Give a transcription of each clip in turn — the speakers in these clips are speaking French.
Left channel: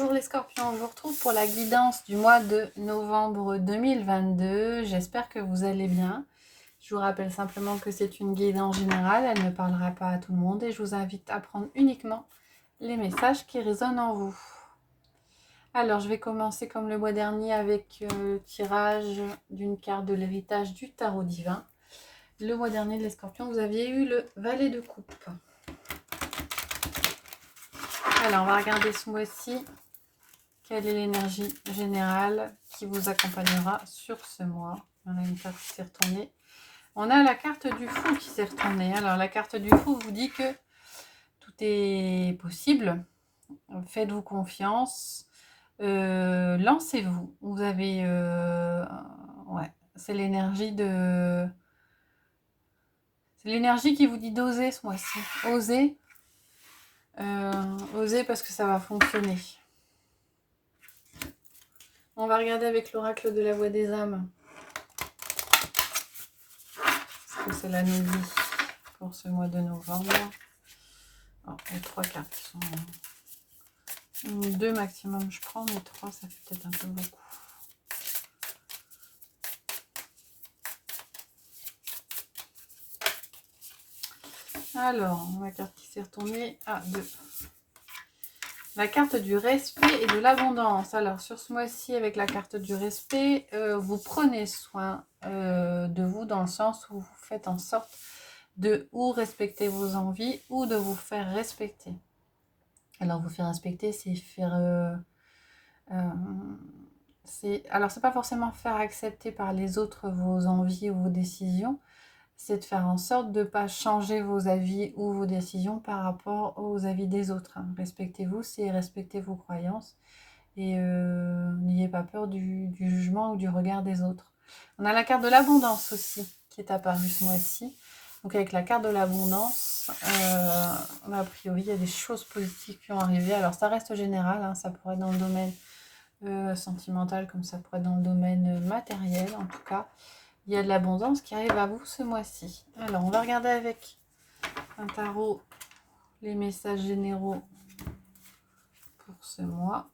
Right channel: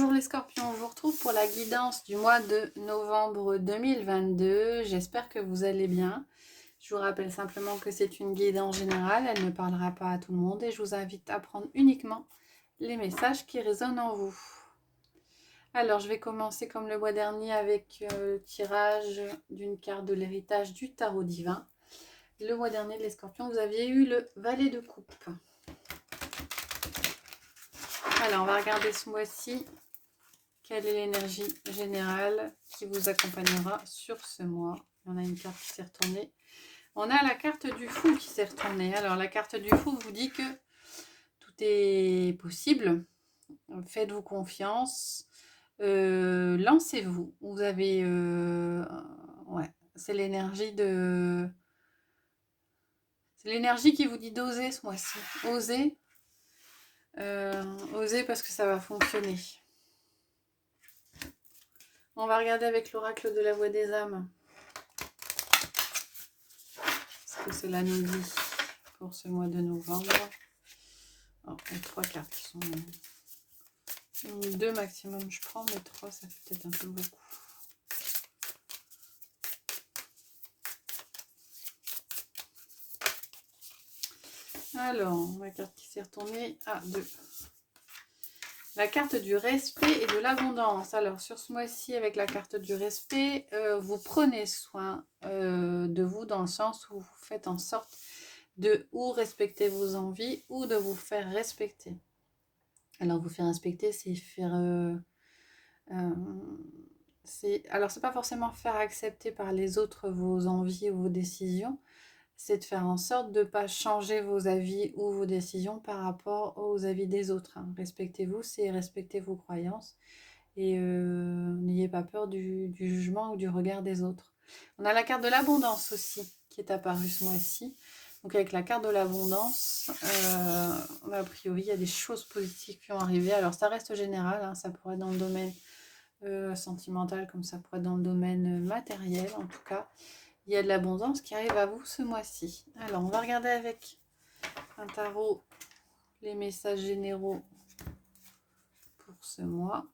Bonjour les scorpions, je vous retrouve pour la guidance du mois de novembre 2022. J'espère que vous allez bien. Je vous rappelle simplement que c'est une guidance générale, elle ne parlera pas à tout le monde et je vous invite à prendre uniquement les messages qui résonnent en vous. Alors je vais commencer comme le mois dernier avec le tirage d'une carte de l'héritage du tarot divin. Le mois dernier les scorpions, vous aviez eu le valet de coupe. Alors on va regarder ce mois-ci. Quelle est l'énergie générale qui vous accompagnera sur ce mois? On a une carte qui s'est retournée. On a la carte du fou qui s'est retournée. Alors la carte du fou vous dit que tout est possible. Faites-vous confiance. Lancez-vous. Vous avez... ouais, c'est l'énergie de... C'est l'énergie qui vous dit d'oser ce mois-ci. Osez. Osez parce que ça va fonctionner. On va regarder avec l'oracle de la voix des âmes. Ce que cela nous dit pour ce mois de novembre. Alors, les trois cartes sont... Deux maximum je prends, mais trois ça fait peut-être un peu beaucoup. Alors, la carte qui s'est retournée à deux. La carte du respect et de l'abondance. Alors, sur ce mois-ci, avec la carte du respect, vous prenez soin de vous dans le sens où vous faites en sorte de ou respecter vos envies ou de vous faire respecter. Alors, vous faire respecter, c'est faire... alors, c'est pas forcément faire accepter par les autres vos envies ou vos décisions, c'est de faire en sorte de ne pas changer vos avis ou vos décisions par rapport aux avis des autres. Respectez-vous, c'est respecter vos croyances et n'ayez pas peur du jugement ou du regard des autres. On a la carte de l'abondance aussi qui est apparue ce mois-ci. Donc avec la carte de l'abondance, a priori il y a des choses positives qui ont arrivé. Alors ça reste général, hein, ça pourrait être dans le domaine sentimental comme ça pourrait être dans le domaine matériel. En tout cas, il y a de l'abondance qui arrive à vous ce mois-ci. Alors on va regarder avec un tarot les messages généraux pour ce mois.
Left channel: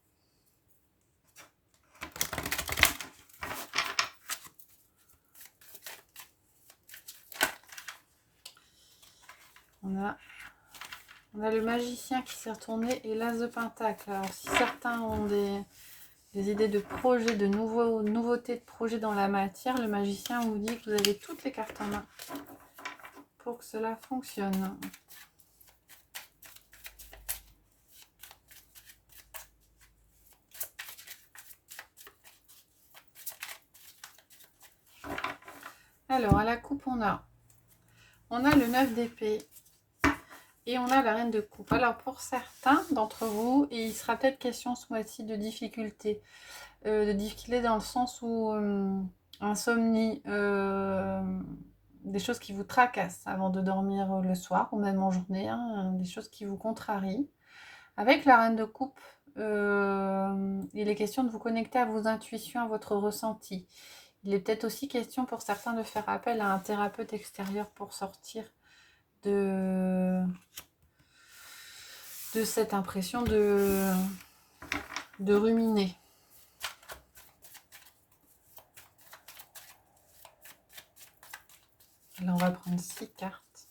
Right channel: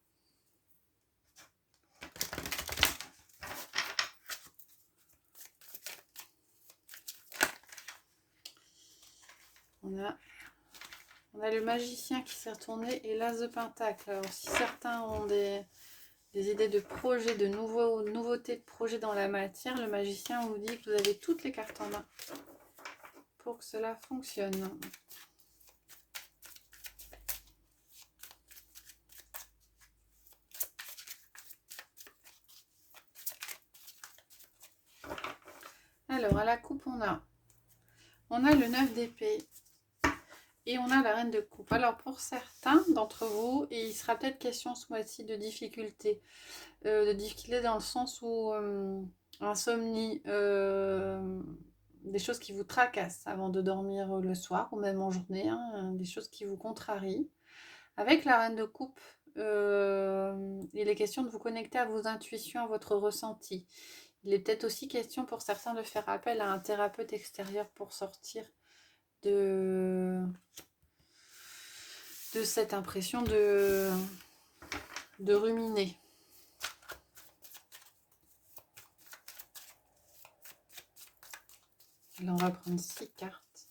On a le magicien qui s'est retourné et l'as de pentacle. Alors si certains ont des idées de projets, de nouveautés de projets dans la matière, le magicien vous dit que vous avez toutes les cartes en main pour que cela fonctionne. Alors à la coupe on a le 9 d'épée. Et on a la reine de coupe. Alors pour certains d'entre vous, il sera peut-être question ce mois-ci de difficultés. Dans le sens où insomnie, des choses qui vous tracassent avant de dormir le soir ou même en journée, hein, des choses qui vous contrarient. Avec la reine de coupe, il est question de vous connecter à vos intuitions, à votre ressenti. Il est peut-être aussi question pour certains de faire appel à un thérapeute extérieur pour sortir de cette impression de ruminer. Là, on va prendre 6 cartes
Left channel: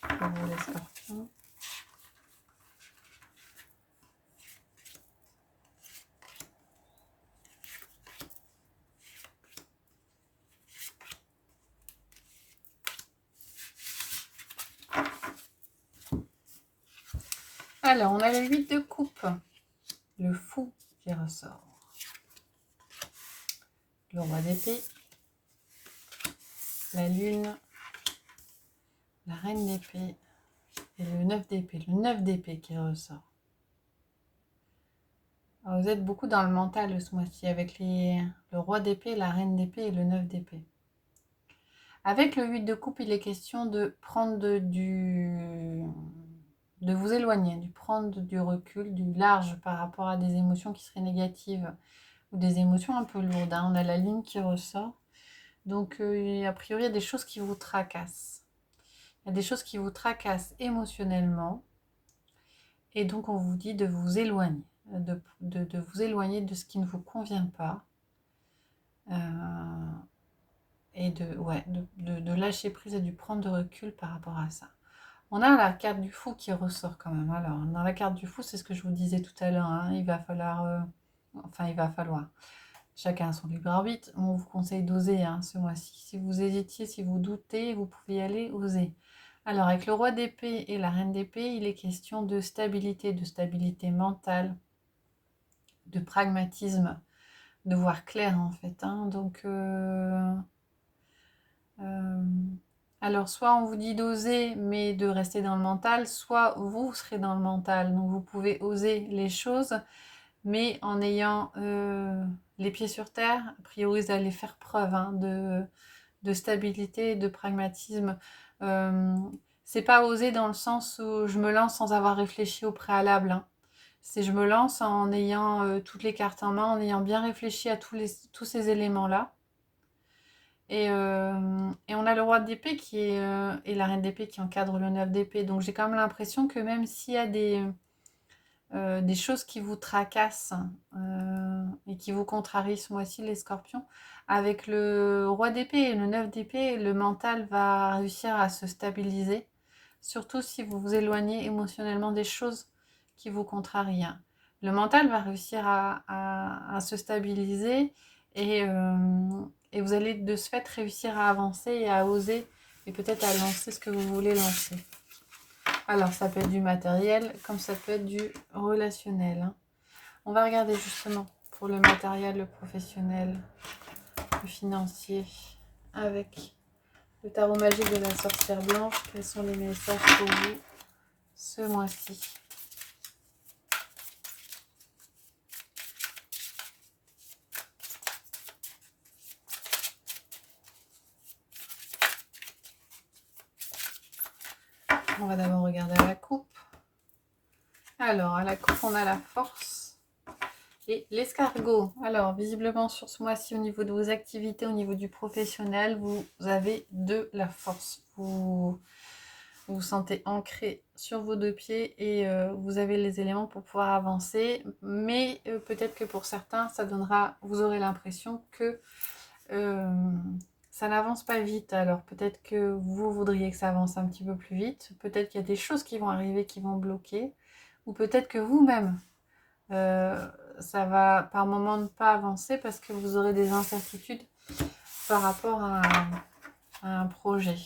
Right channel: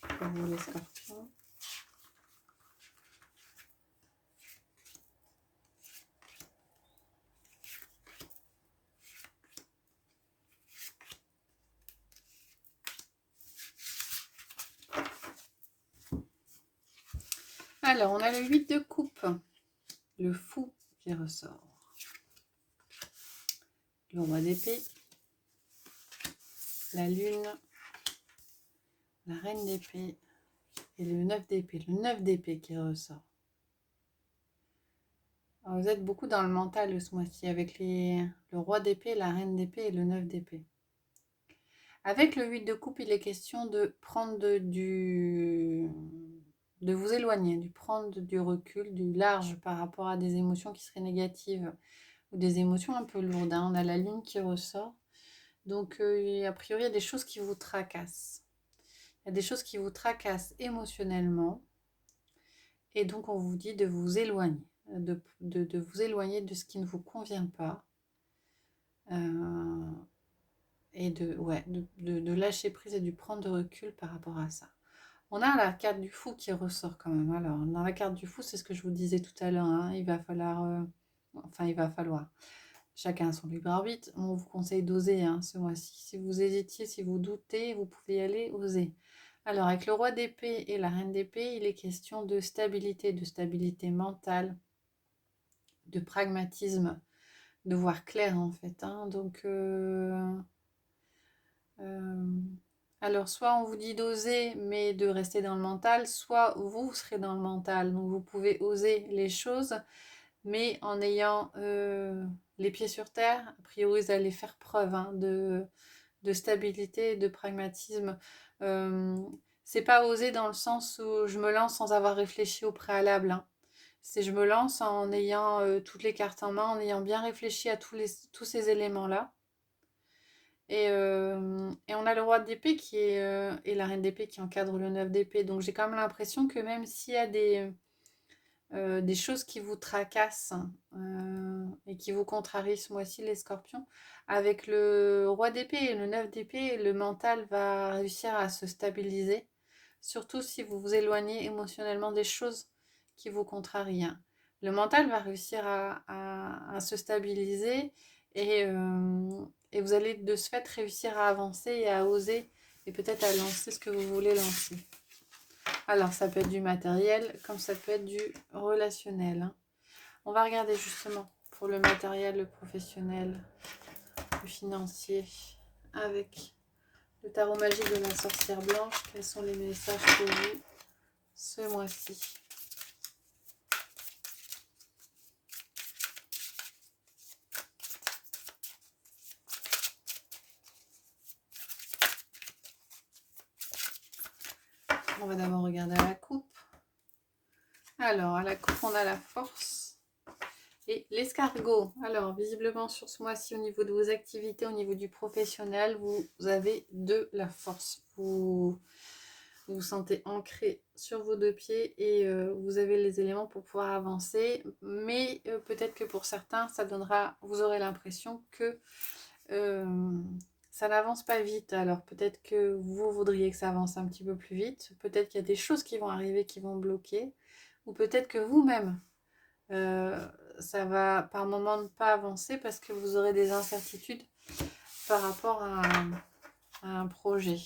pour vous les scorpions. Alors, on a le 8 de coupe, le fou qui ressort, le roi d'épée, la lune, la reine d'épée et le 9 d'épée. Le 9 d'épée qui ressort. Alors, vous êtes beaucoup dans le mental ce mois-ci avec le roi d'épée, la reine d'épée et le 9 d'épée. Avec le 8 de coupe, il est question de prendre de vous éloigner, de prendre du recul, du large par rapport à des émotions qui seraient négatives ou des émotions un peu lourdes. On a la lune qui ressort. Donc, a priori, il y a des choses qui vous tracassent. Il y a des choses qui vous tracassent émotionnellement. Et donc, on vous dit de vous éloigner, de vous éloigner de ce qui ne vous convient pas. Et de lâcher prise et de prendre de recul par rapport à ça. On a la carte du fou qui ressort quand même. Alors, dans la carte du fou, c'est ce que je vous disais tout à l'heure, hein, il va falloir, chacun a son libre arbitre. On vous conseille d'oser, hein, ce mois-ci. Si vous hésitiez, si vous doutez, vous pouvez y aller, oser. Alors, avec le roi d'épée et la reine d'épée, il est question de stabilité mentale, de pragmatisme, de voir clair en fait, hein. Donc, alors, soit on vous dit d'oser, mais de rester dans le mental, soit vous serez dans le mental. Donc, vous pouvez oser les choses, mais en ayant les pieds sur terre. A priori, vous allez faire preuve, hein, de stabilité, de pragmatisme. Euh, c'est pas oser dans le sens où je me lance sans avoir réfléchi au préalable, hein. C'est je me lance en ayant toutes les cartes en main, en ayant bien réfléchi à tous ces éléments-là. Et on a le roi d'épée et la reine d'épée qui encadre le 9 d'épée. Donc j'ai quand même l'impression que même s'il y a des choses qui vous tracassent et qui vous contrarient ce mois-ci, les scorpions, avec le roi d'épée et le 9 d'épée, le mental va réussir à se stabiliser, surtout si vous vous éloignez émotionnellement des choses qui vous contrarient, hein. Le mental va réussir à se stabiliser et, euh, et vous allez de ce fait réussir à avancer et à oser et peut-être à lancer ce que vous voulez lancer. Alors, ça peut être du matériel, comme ça peut être du relationnel, hein. On va regarder justement pour le matériel, le professionnel, le financier, avec le tarot magique de la sorcière blanche. Quels sont les messages pour vous ce mois-ci? On va d'abord regarder à la coupe. Alors, à la coupe, on a la force et l'escargot. Alors, visiblement, sur ce mois-ci, au niveau de vos activités, au niveau du professionnel, vous avez de la force. Vous vous sentez ancré sur vos deux pieds et vous avez les éléments pour pouvoir avancer. Mais peut-être que pour certains, vous aurez l'impression que ça n'avance pas vite. Alors peut-être que vous voudriez que ça avance un petit peu plus vite. Peut-être qu'il y a des choses qui vont arriver qui vont bloquer. Ou peut-être que vous-même, euh, ça va par moment ne pas avancer parce que vous aurez des incertitudes par rapport à un projet.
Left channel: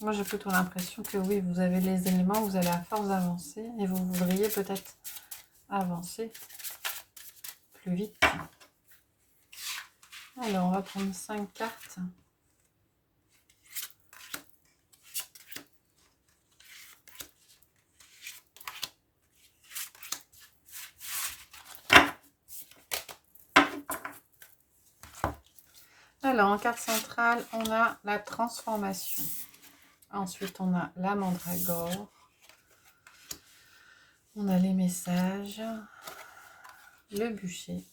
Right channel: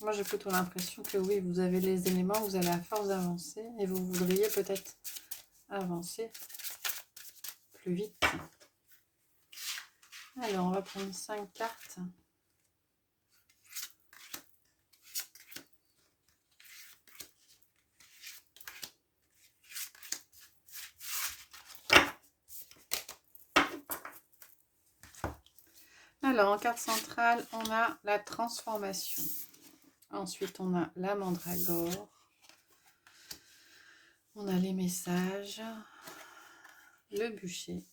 Moi, j'ai plutôt l'impression que oui, vous avez les éléments, vous allez à force d'avancer et vous voudriez peut-être avancer plus vite. Alors, on va prendre 5 cartes. Alors, en carte centrale, on a la transformation. Ensuite, on a la mandragore. On a les messages, le bûcher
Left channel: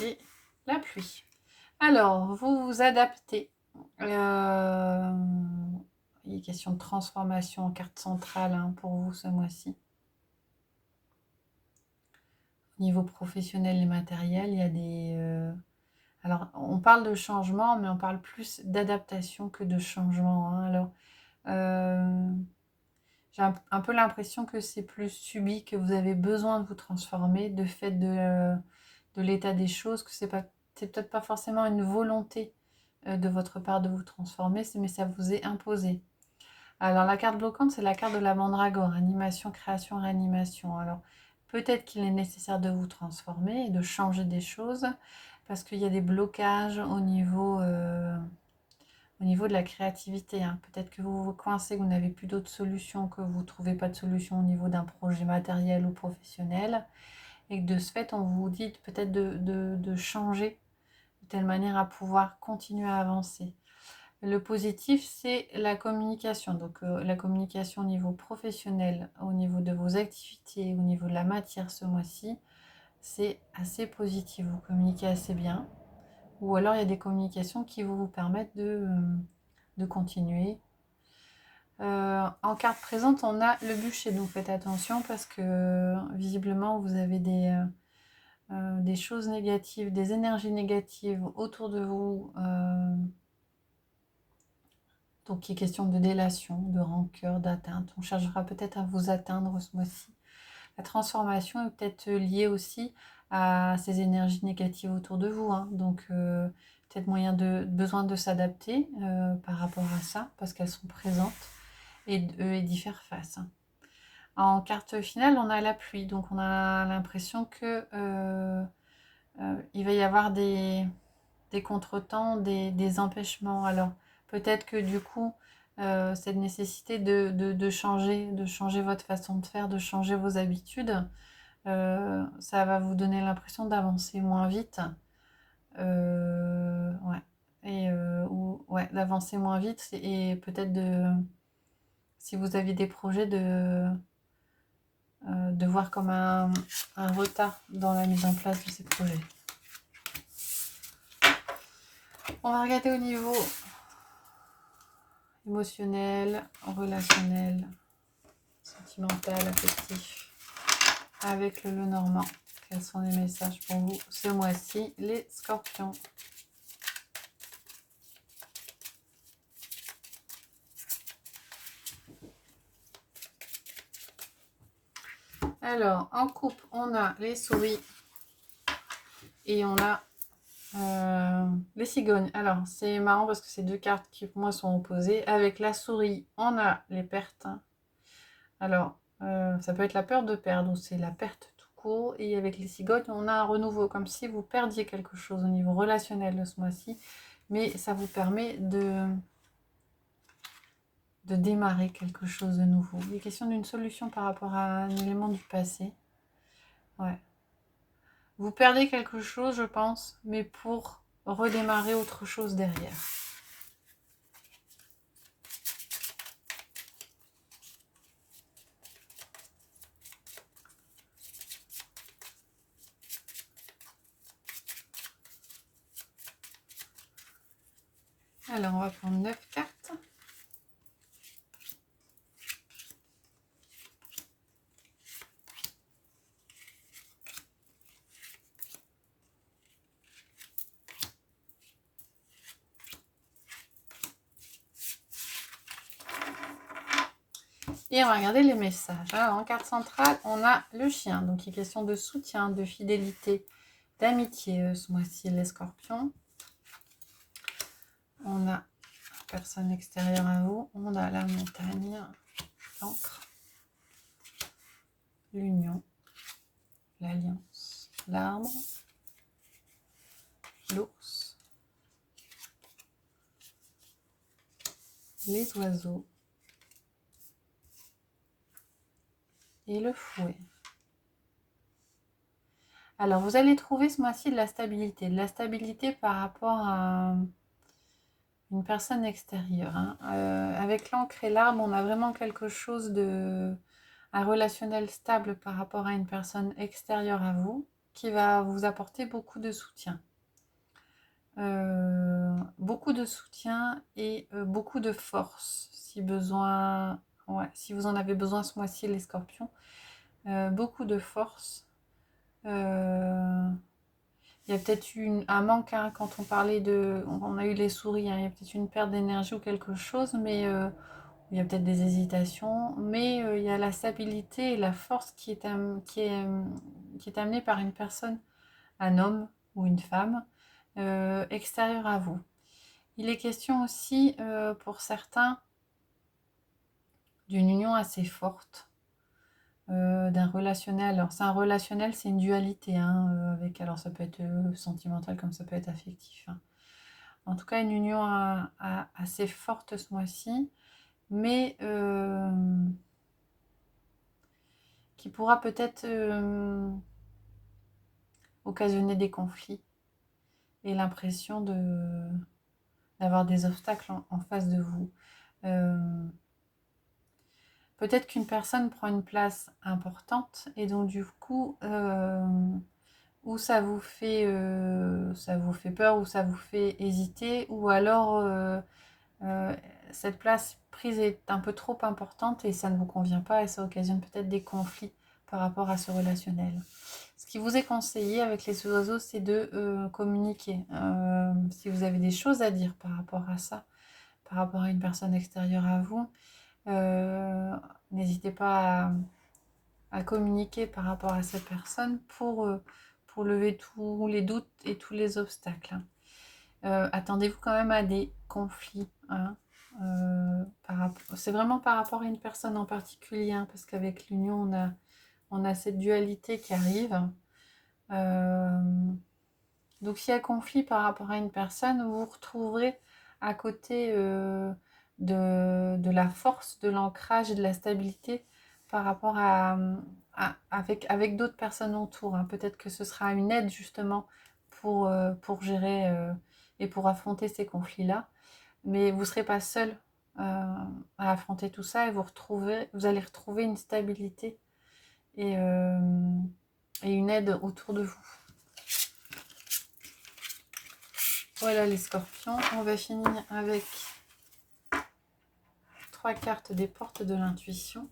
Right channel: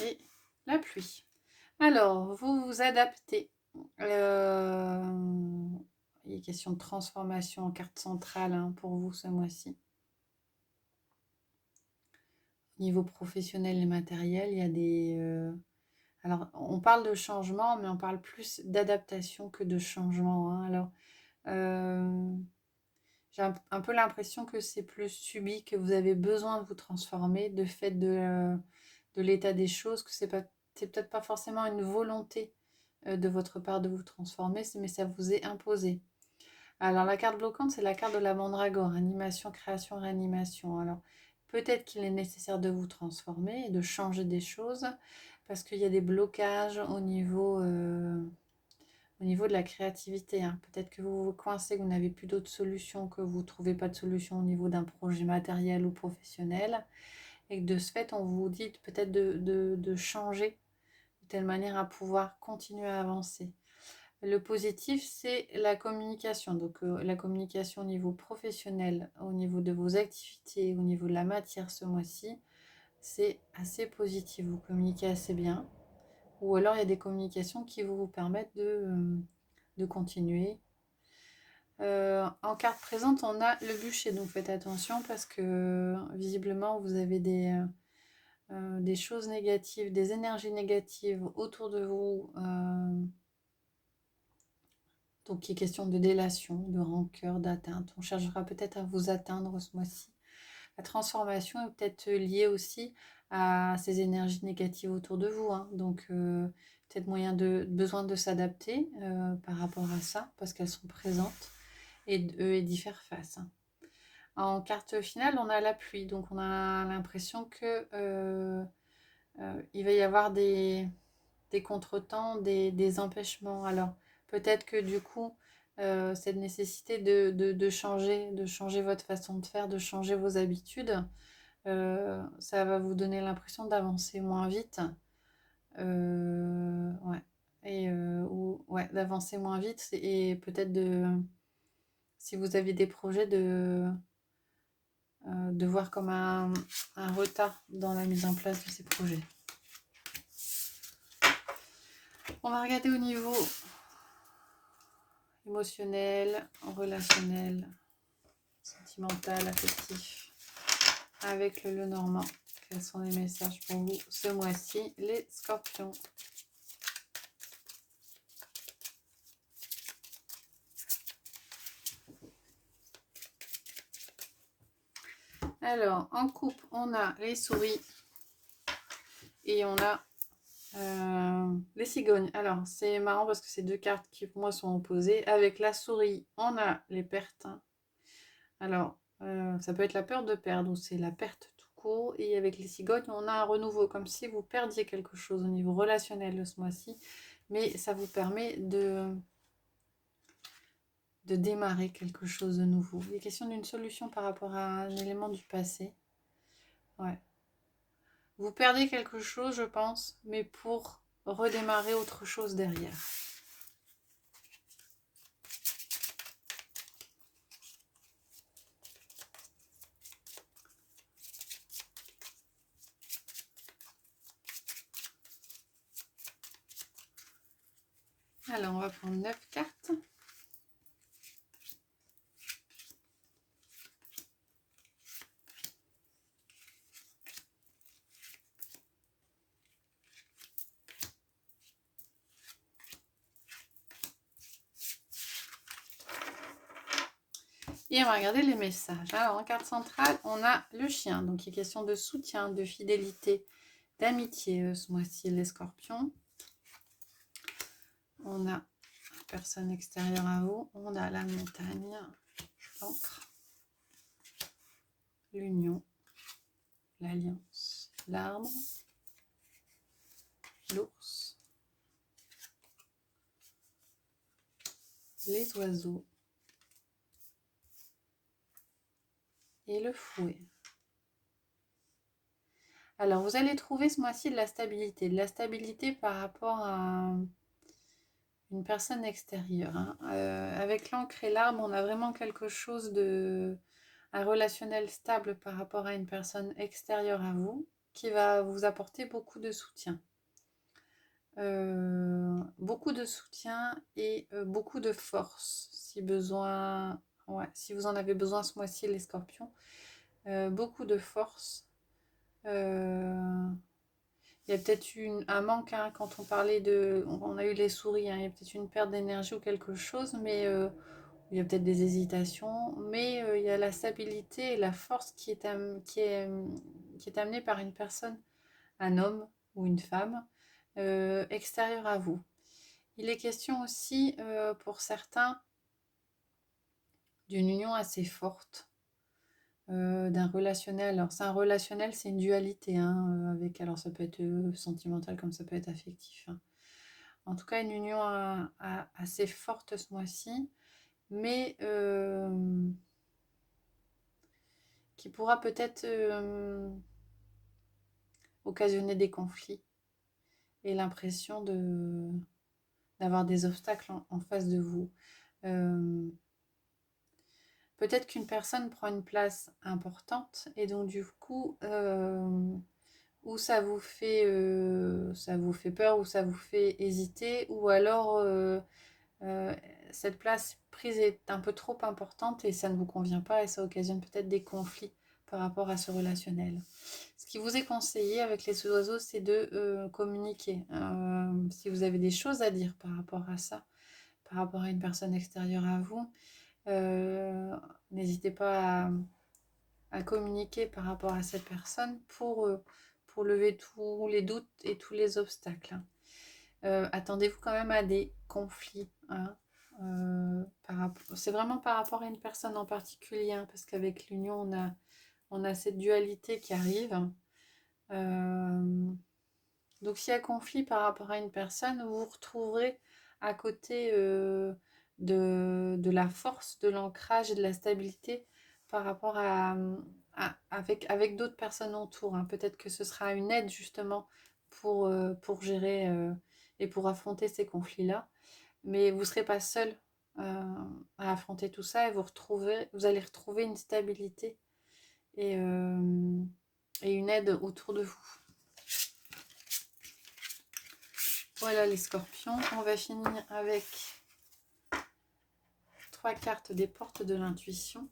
et la pluie. Alors, vous vous adaptez. Il est question de transformation en carte centrale, hein, pour vous ce mois-ci. Au niveau professionnel et matériel, il y a des... alors, on parle de changement, mais on parle plus d'adaptation que de changement, hein. Alors, j'ai un peu l'impression que c'est plus subi, que vous avez besoin de vous transformer de fait de l'état des choses, que c'est peut-être pas forcément une volonté de votre part de vous transformer, mais ça vous est imposé. Alors la carte bloquante, c'est la carte de la mandragore, animation, création, réanimation. Alors peut-être qu'il est nécessaire de vous transformer et de changer des choses parce qu'il y a des blocages au niveau de la créativité, hein. Peut-être que vous vous coincez, que vous n'avez plus d'autres solutions, que vous ne trouvez pas de solution au niveau d'un projet matériel ou professionnel et que de ce fait, on vous dit peut-être de changer de telle manière à pouvoir continuer à avancer. Le positif, c'est la communication. Donc, la communication au niveau professionnel, au niveau de vos activités, au niveau de la matière ce mois-ci, c'est assez positif. Vous communiquez assez bien. Ou alors il y a des communications qui vous permettent de continuer. En carte présente, on a le bûcher, donc faites attention parce que visiblement vous avez des choses négatives, des énergies négatives autour de vous. Donc il est question de délation, de rancœur, d'atteinte. On cherchera peut-être à vous atteindre ce mois-ci. La transformation est peut-être liée aussi à ces énergies négatives autour de vous, hein. Donc peut-être besoin de s'adapter par rapport à ça, parce qu'elles sont présentes et d'y faire face, hein. En carte finale, on a la pluie, donc on a l'impression que il va y avoir des contretemps, des empêchements. Alors peut-être que du coup, cette nécessité de changer votre façon de faire, de changer vos habitudes, ça va vous donner l'impression d'avancer moins vite. Ouais. Ouais, d'avancer moins vite et peut-être si vous avez des projets, de voir comme un retard dans la mise en place de ces projets. On va regarder au niveau émotionnel, relationnel, sentimental, affectif, avec le Lenormand. Quels sont les messages pour vous ce mois-ci, les scorpions? Alors, en couple, on a les souris et on a les cigognes. Alors, c'est marrant parce que ces deux cartes qui pour moi sont opposées. Avec la souris, on a les pertes. Alors, ça peut être la peur de perdre ou c'est la perte tout court. Et avec les cigognes, on a un renouveau, comme si vous perdiez quelque chose au niveau relationnel ce mois-ci. Mais ça vous permet de démarrer quelque chose de nouveau. Il est question d'une solution par rapport à un élément du passé. Ouais. Vous perdez quelque chose, je pense, mais pour redémarrer autre chose derrière. Alors, on va prendre 9 cartes. Et on va regarder les messages. Alors, en carte centrale, on a le chien. Donc, il est question de soutien, de fidélité, d'amitié ce mois-ci, les scorpions. On a personne extérieure à vous. On a la montagne, l'encre, l'union, l'alliance, l'arbre, l'ours, les oiseaux et le fouet. Alors, vous allez trouver ce mois-ci de la stabilité. De la stabilité par rapport à une personne extérieure, hein. Avec l'encre et l'arbre, on a vraiment quelque chose un relationnel stable par rapport à une personne extérieure à vous qui va vous apporter beaucoup de soutien. Beaucoup de soutien et beaucoup de force si besoin. Ouais, si vous en avez besoin ce mois-ci, les scorpions. Beaucoup de force. Il y a peut-être un manque, hein, quand on parlait on a eu les souris, hein, il y a peut-être une perte d'énergie ou quelque chose, mais il y a peut-être des hésitations, mais il y a la stabilité et la force qui est amenée par une personne, un homme ou une femme, extérieure à vous. Il est question aussi, pour certains, d'une union assez forte, d'un relationnel. Alors, c'est un relationnel, c'est une dualité, hein, alors ça peut être sentimental comme ça peut être affectif, hein. En tout cas, une union assez forte ce mois-ci, mais qui pourra peut-être occasionner des conflits et l'impression d'avoir des obstacles en face de vous. Peut-être qu'une personne prend une place importante et donc du coup, ou ça vous fait peur, ou ça vous fait hésiter, ou alors euh, cette place prise est un peu trop importante et ça ne vous convient pas et ça occasionne peut-être des conflits par rapport à ce relationnel. Ce qui vous est conseillé avec les oiseaux, c'est de communiquer. Si vous avez des choses à dire par rapport à ça, par rapport à une personne extérieure à vous, euh, n'hésitez pas à communiquer par rapport à cette personne pour lever tous les doutes et tous les obstacles. Attendez-vous quand même à des conflits. Hein, c'est vraiment par rapport à une personne en particulier, hein, parce qu'avec l'union, on a cette dualité qui arrive. Donc s'il y a conflit par rapport à une personne, vous vous retrouverez à côté de la force, de l'ancrage et de la stabilité par rapport avec d'autres personnes autour. Hein. Peut-être que ce sera une aide justement pour gérer et pour affronter ces conflits-là. Mais vous ne serez pas seul à affronter tout ça et vous allez retrouver une stabilité et, euh, et une aide autour de vous. Voilà les scorpions. On va finir avec 3 cartes des portes de l'intuition.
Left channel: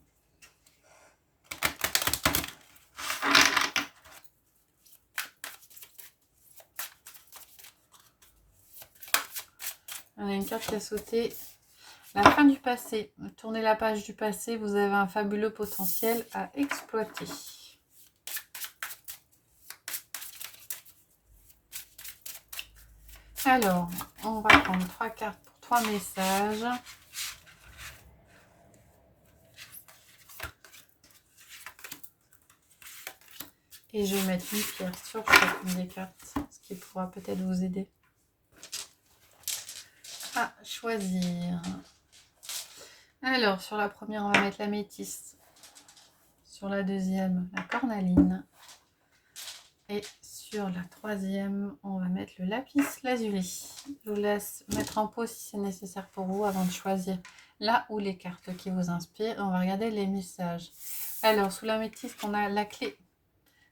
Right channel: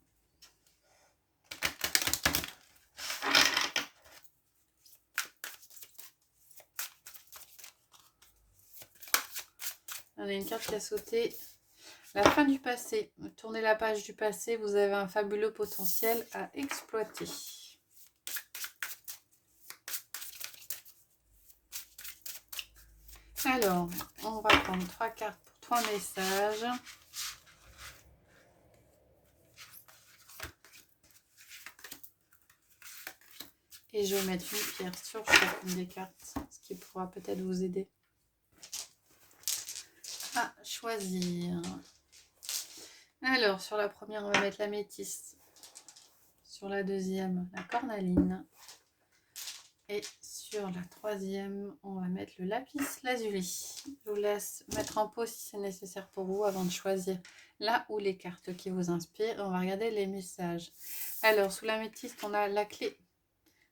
On a une carte qui a sauté. La fin du passé. Tournez la page du passé. Vous avez un fabuleux potentiel à exploiter. Alors, on va prendre 3 cartes pour 3 messages. Et je vais mettre une pierre sur chacune des cartes, ce qui pourra peut-être vous aider à choisir. Alors, sur la première, on va mettre la métisse. Sur la deuxième, la cornaline. Et sur la troisième, on va mettre le lapis lazuli. Je vous laisse mettre en pause si c'est nécessaire pour vous avant de choisir là ou les cartes qui vous inspirent. On va regarder les messages. Alors, sous la métisse, on a la clé.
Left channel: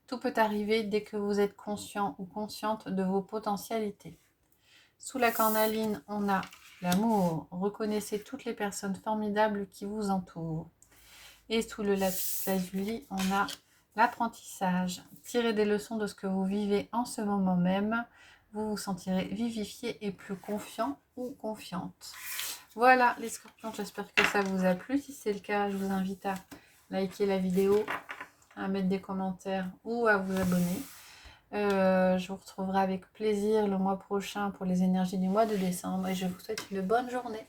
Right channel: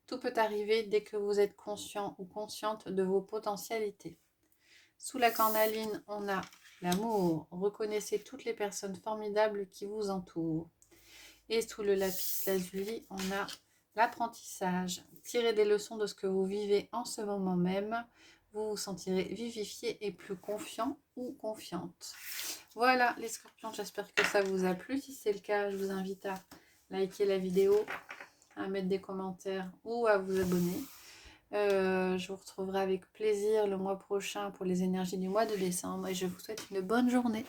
Tout peut arriver dès que vous êtes conscient ou consciente de vos potentialités. Sous la cornaline, on a l'amour. Reconnaissez toutes les personnes formidables qui vous entourent. Et sous le lapis lazuli, on a l'apprentissage. Tirez des leçons de ce que vous vivez en ce moment même. Vous vous sentirez vivifié et plus confiant ou confiante. Voilà les scorpions, j'espère que ça vous a plu. Si c'est le cas, je vous invite à liker la vidéo, à mettre des commentaires ou à vous abonner. Je vous retrouverai avec plaisir le mois prochain pour les énergies du mois de décembre et je vous souhaite une bonne journée.